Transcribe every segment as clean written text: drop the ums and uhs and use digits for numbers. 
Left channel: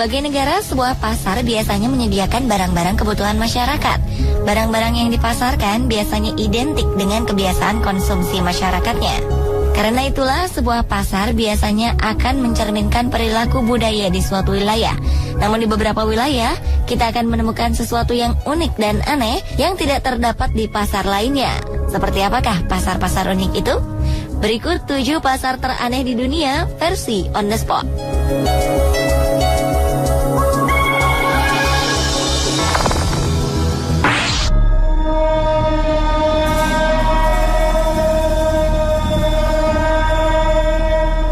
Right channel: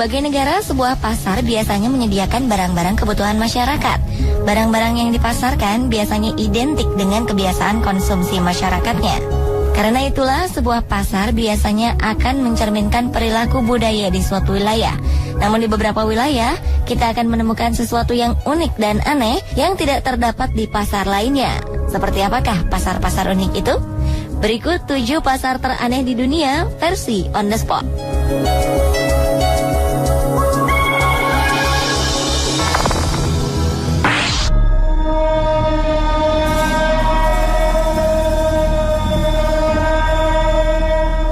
berbagai negara, sebuah pasar biasanya menyediakan barang-barang kebutuhan masyarakat. Barang-barang yang dipasarkan biasanya identik dengan kebiasaan konsumsi masyarakatnya. Karena itulah, sebuah pasar biasanya akan mencerminkan perilaku budaya di suatu wilayah. Namun di beberapa wilayah, kita akan menemukan sesuatu yang unik dan aneh yang tidak terdapat di pasar lainnya. Seperti apakah pasar-pasar unik itu? Berikut 7 pasar teraneh di dunia versi on the spot.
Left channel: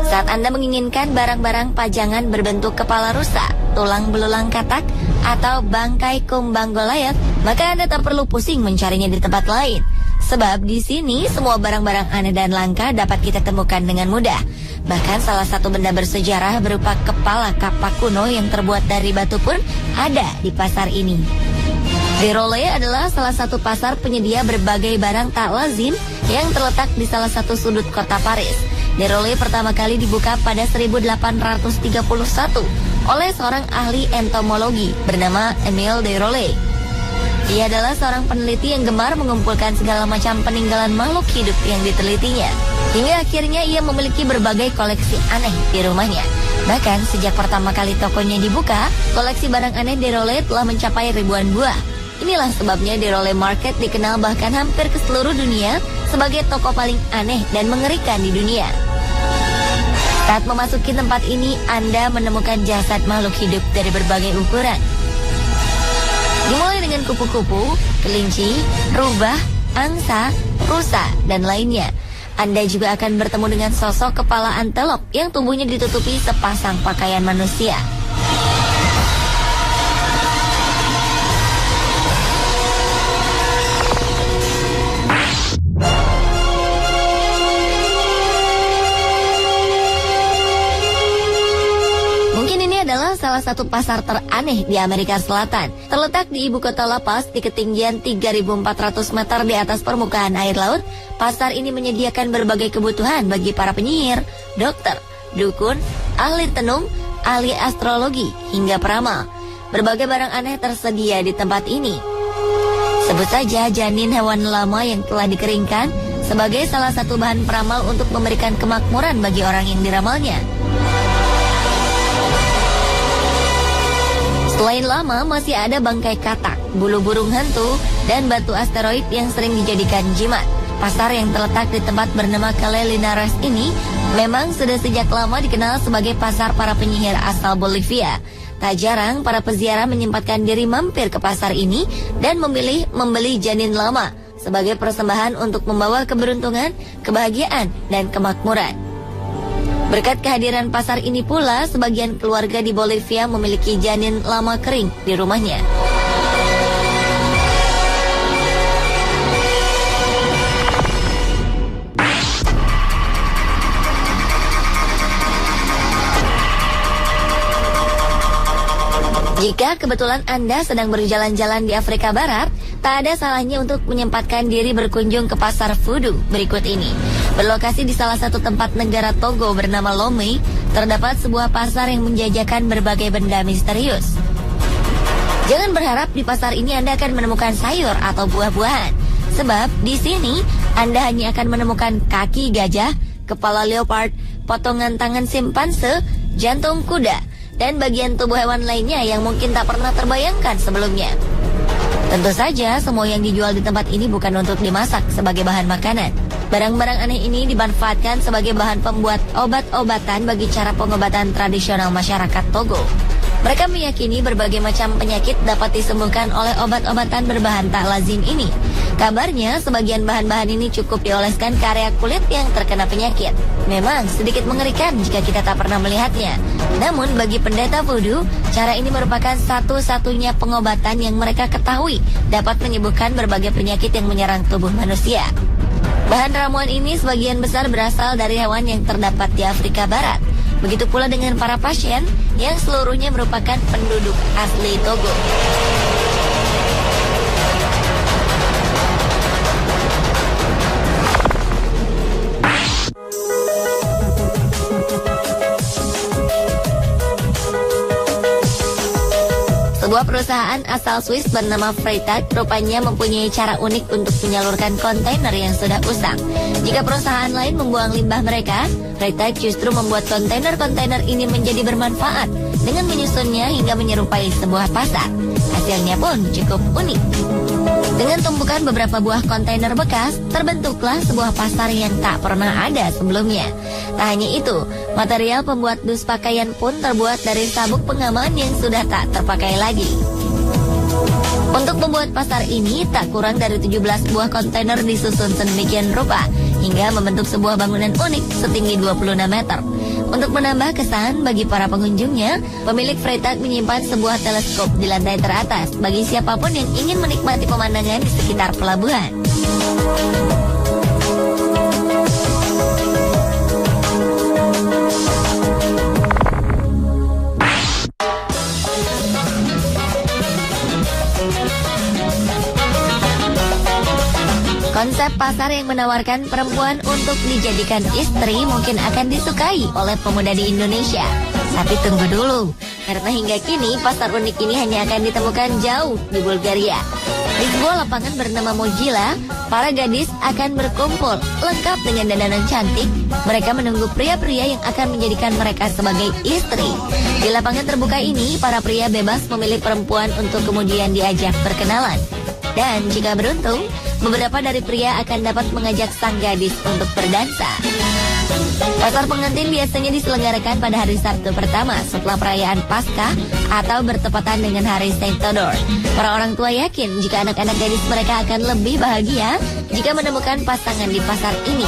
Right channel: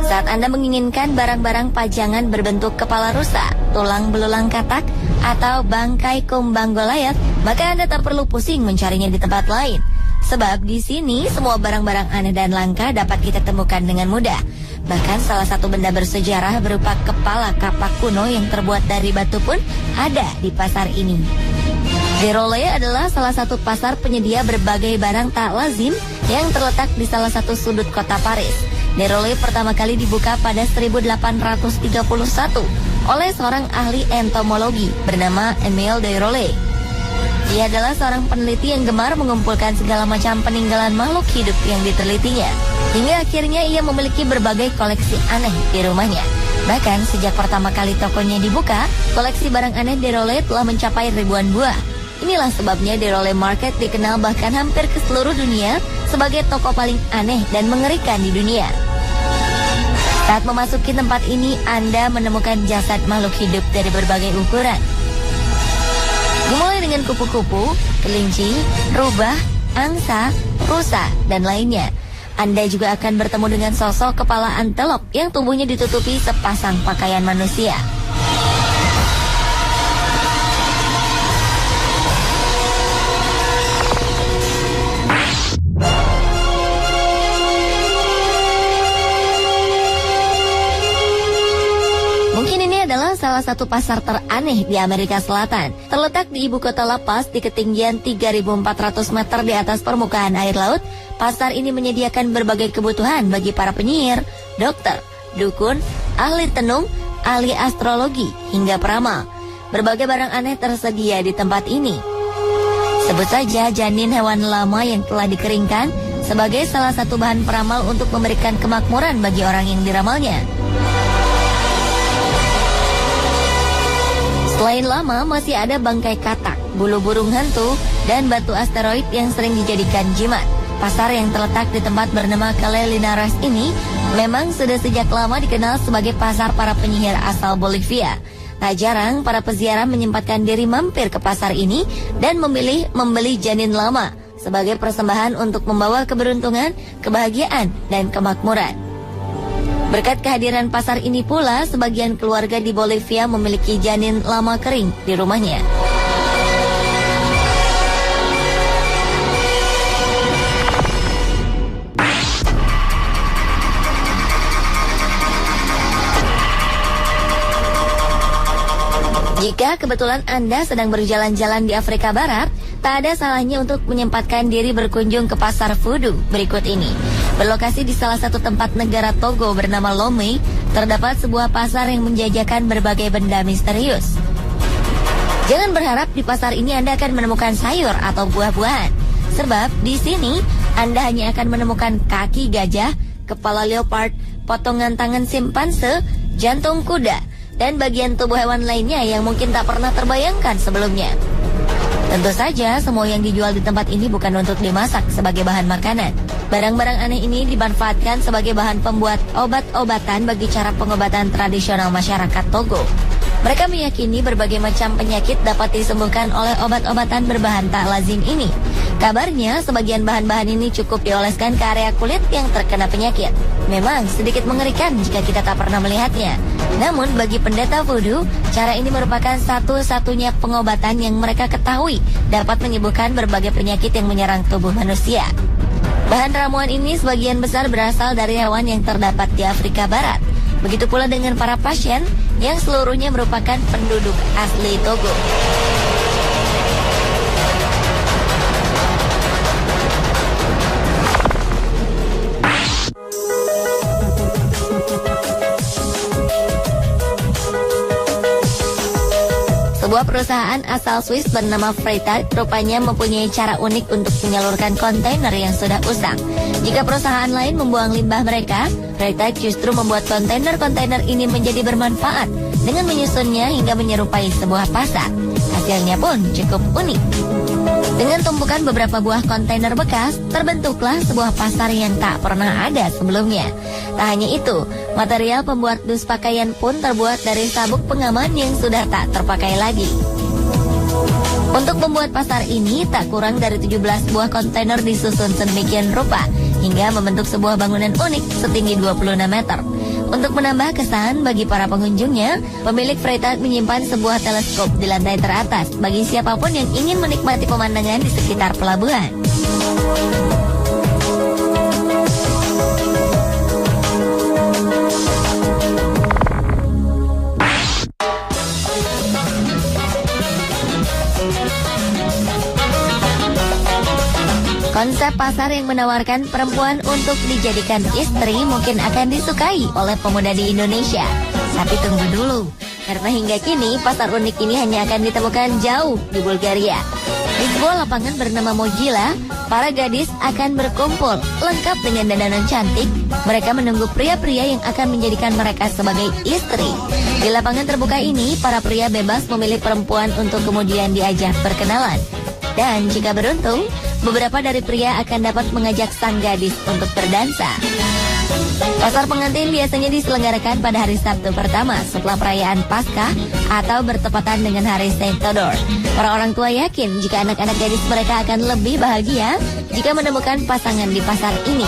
Saat Anda menginginkan barang-barang pajangan berbentuk kepala rusa, tulang belulang katak, atau bangkai kumbang golayak, maka Anda tak perlu pusing mencarinya di tempat lain. Sebab di sini semua barang-barang aneh dan langka dapat kita temukan dengan mudah. Bahkan salah satu benda bersejarah berupa kepala kapak kuno yang terbuat dari batu pun ada di pasar ini. Déroulé adalah salah satu pasar penyedia berbagai barang tak lazim yang terletak di salah satu sudut kota Paris. Déroulé pertama kali dibuka pada 1831 oleh seorang ahli entomologi bernama Émile Déroulé. Ia adalah seorang peneliti yang gemar mengumpulkan segala macam peninggalan makhluk hidup yang ditelitinya. Hingga akhirnya ia memiliki berbagai koleksi aneh di rumahnya. Bahkan sejak pertama kali tokonya dibuka, koleksi barang aneh Déroulé telah mencapai ribuan buah. Inilah sebabnya Déroulé Market dikenal bahkan hampir ke seluruh dunia sebagai toko paling aneh dan mengerikan di dunia. Saat memasuki tempat ini, Anda menemukan jasad makhluk hidup dari berbagai ukuran. Mulai dengan kupu-kupu, kelinci, rubah, angsa, rusa, dan lainnya. Anda juga akan bertemu dengan sosok kepala antelop yang tubuhnya ditutupi sepasang pakaian manusia. Salah satu pasar teraneh di Amerika Selatan, terletak di ibu kota La Paz di ketinggian 3.400 meter di atas permukaan air laut. Pasar ini menyediakan berbagai kebutuhan bagi para penyihir, dokter, dukun, ahli tenung, ahli astrologi, hingga peramal. Berbagai barang aneh tersedia di tempat ini. Sebut saja janin hewan lama yang telah dikeringkan sebagai salah satu bahan peramal untuk memberikan kemakmuran bagi orang yang diramalnya. Selain lama, masih ada bangkai katak, bulu burung hantu, dan batu asteroid yang sering dijadikan jimat. Pasar yang terletak di tempat bernama Calle Linares ini memang sudah sejak lama dikenal sebagai pasar para penyihir asal Bolivia. Tak jarang para peziarah menyempatkan diri mampir ke pasar ini dan memilih membeli janin lama sebagai persembahan untuk membawa keberuntungan, kebahagiaan, dan kemakmuran. Berkat kehadiran pasar ini pula, sebagian keluarga di Bolivia memiliki janin lama kering di rumahnya. Jika kebetulan Anda sedang berjalan-jalan di Afrika Barat, tak ada salahnya untuk menyempatkan diri berkunjung ke pasar voodoo berikut ini. Berlokasi di salah satu tempat negara Togo bernama Lomé, terdapat sebuah pasar yang menjajakan berbagai benda misterius. Jangan berharap di pasar ini Anda akan menemukan sayur atau buah-buahan, sebab di sini Anda hanya akan menemukan kaki gajah, kepala leopard, potongan tangan simpanse, jantung kuda, dan bagian tubuh hewan lainnya yang mungkin tak pernah terbayangkan sebelumnya. Tentu saja, semua yang dijual di tempat ini bukan untuk dimasak sebagai bahan makanan. Barang-barang aneh ini dimanfaatkan sebagai bahan pembuat obat-obatan bagi cara pengobatan tradisional masyarakat Togo. Mereka meyakini berbagai macam penyakit dapat disembuhkan oleh obat-obatan berbahan tak lazim ini. Kabarnya, sebagian bahan-bahan ini cukup dioleskan ke area kulit yang terkena penyakit. Memang sedikit mengerikan jika kita tak pernah melihatnya. Namun bagi pendeta voodoo, cara ini merupakan satu-satunya pengobatan yang mereka ketahui dapat menyembuhkan berbagai penyakit yang menyerang tubuh manusia. Bahan ramuan ini sebagian besar berasal dari hewan yang terdapat di Afrika Barat. Begitu pula dengan para pasien yang seluruhnya merupakan penduduk asli Togo. Perusahaan asal Swiss bernama Freytag rupanya mempunyai cara unik untuk menyalurkan kontainer yang sudah usang. Jika perusahaan lain membuang limbah mereka, Freytag justru membuat kontainer-kontainer ini menjadi bermanfaat dengan menyusunnya hingga menyerupai sebuah pasar. Hasilnya pun cukup unik. Dengan tumpukan beberapa buah kontainer bekas, terbentuklah sebuah pasar yang tak pernah ada sebelumnya. Tak hanya itu, material pembuat dus pakaian pun terbuat dari sabuk pengaman yang sudah tak terpakai lagi. Untuk membuat pasar ini, tak kurang dari 17 buah kontainer disusun sedemikian rupa, hingga membentuk sebuah bangunan unik setinggi 26 meter. Untuk menambah kesan bagi para pengunjungnya, pemilik Freytag menyimpan sebuah teleskop di lantai teratas bagi siapapun yang ingin menikmati pemandangan di sekitar pelabuhan. Konsep pasar yang menawarkan perempuan untuk dijadikan istri mungkin akan disukai oleh pemuda di Indonesia. Tapi tunggu dulu, karena hingga kini pasar unik ini hanya akan ditemukan jauh di Bulgaria. Di sebuah lapangan bernama Mojila, para gadis akan berkumpul lengkap dengan dandanan cantik. Mereka menunggu pria-pria yang akan menjadikan mereka sebagai istri. Di lapangan terbuka ini, para pria bebas memilih perempuan untuk kemudian diajak berkenalan. Dan jika beruntung, beberapa dari pria akan dapat mengajak sang gadis untuk berdansa. Pasar pengantin biasanya diselenggarakan pada hari Sabtu pertama setelah perayaan Paskah atau bertepatan dengan hari Saint Theodore. Orang-orang tua yakin jika anak-anak gadis mereka akan lebih bahagia jika menemukan pasangan di pasar ini.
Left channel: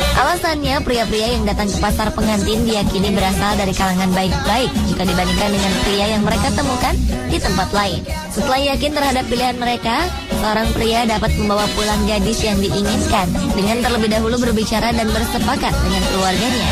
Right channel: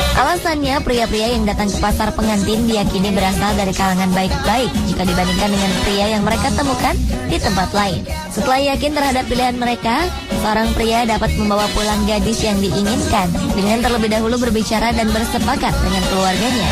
Alasannya, pria-pria yang datang ke pasar pengantin diyakini berasal dari kalangan baik-baik jika dibandingkan dengan pria yang mereka temukan di tempat lain. Setelah yakin terhadap pilihan mereka, seorang pria dapat membawa pulang gadis yang diinginkan dengan terlebih dahulu berbicara dan bersepakat dengan keluarganya.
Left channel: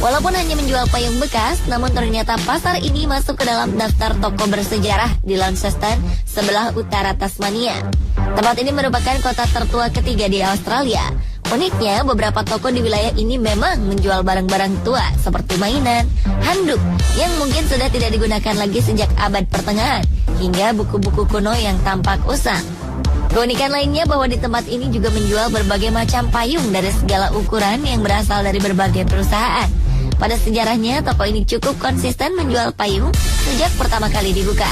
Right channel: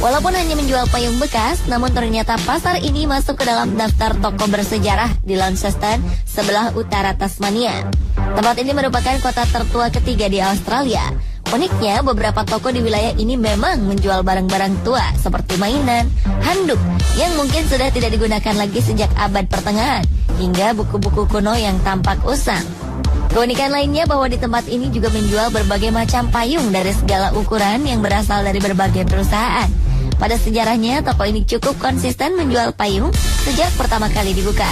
Walaupun hanya menjual payung bekas, namun ternyata pasar ini masuk ke dalam daftar toko bersejarah di Launceston, sebelah utara Tasmania. Tempat ini merupakan kota tertua ketiga di Australia. Uniknya, beberapa toko di wilayah ini memang menjual barang-barang tua seperti mainan, handuk yang mungkin sudah tidak digunakan lagi sejak abad pertengahan, hingga buku-buku kuno yang tampak usang. Keunikan lainnya bahwa di tempat ini juga menjual berbagai macam payung dari segala ukuran yang berasal dari berbagai perusahaan. Pada sejarahnya, toko ini cukup konsisten menjual payung sejak pertama kali dibuka.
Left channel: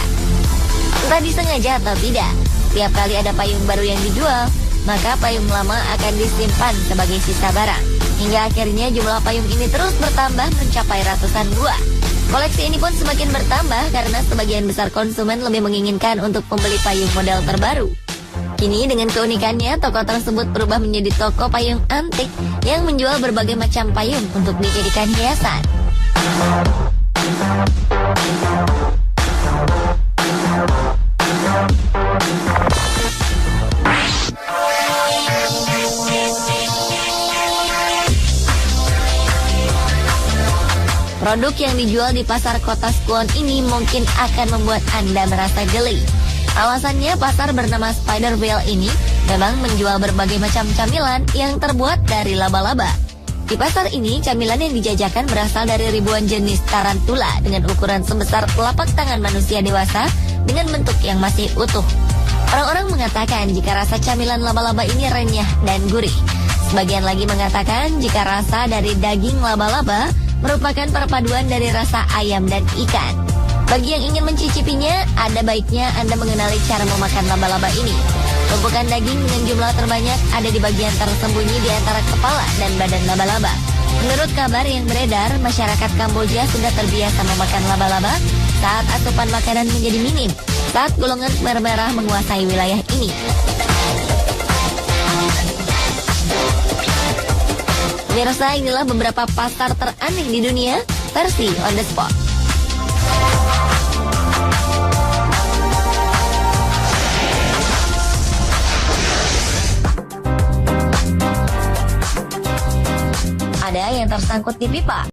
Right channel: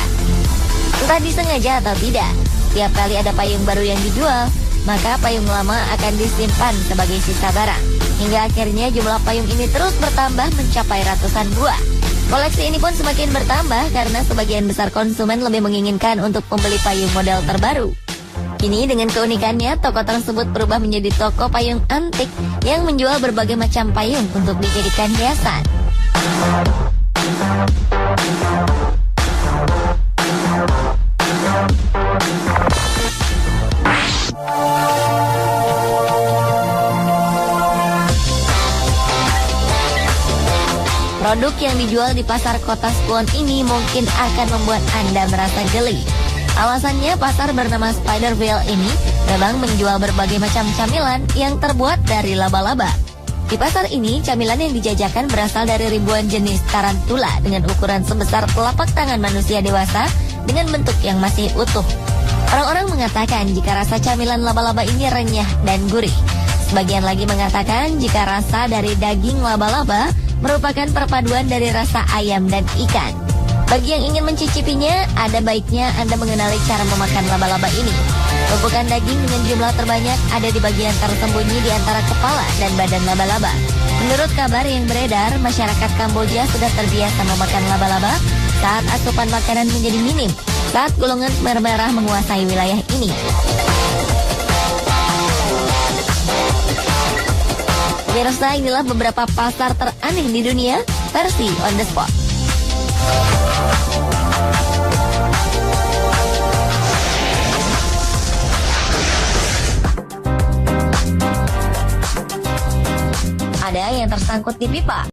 Entah disengaja atau tidak, tiap kali ada payung baru yang dijual, maka payung lama akan disimpan sebagai sisa barang. Hingga akhirnya jumlah payung ini terus bertambah mencapai ratusan buah. Koleksi ini pun semakin bertambah karena sebagian besar konsumen lebih menginginkan untuk membeli payung model terbaru. Kini dengan keunikannya, toko tersebut berubah menjadi toko payung antik yang menjual berbagai macam payung untuk dijadikan hiasan. Produk yang dijual di pasar kota Swan ini mungkin akan membuat Anda merasa geli. Alasannya, pasar bernama Spiderville ini memang menjual berbagai macam camilan yang terbuat dari laba-laba. Di pasar ini, camilan yang dijajakan berasal dari ribuan jenis tarantula dengan ukuran sebesar telapak tangan manusia dewasa dengan bentuk yang masih utuh. Orang-orang mengatakan jika rasa camilan laba-laba ini renyah dan gurih. Sebagian lagi mengatakan jika rasa dari daging laba-laba merupakan perpaduan dari rasa ayam dan ikan. Bagi yang ingin mencicipinya, ada baiknya Anda mengenali cara memakan laba-laba ini. Tumpukan daging dengan jumlah terbanyak ada di bagian tersembunyi di antara kepala dan badan laba-laba. Menurut kabar yang beredar, masyarakat Kamboja sudah terbiasa memakan laba-laba saat asupan makanan menjadi minim, saat golongan Khmer Merah menguasai wilayah ini. Pemirsa, inilah beberapa pasar teraneh di dunia versi On The Spot. Ada yang tersangkut di pipa.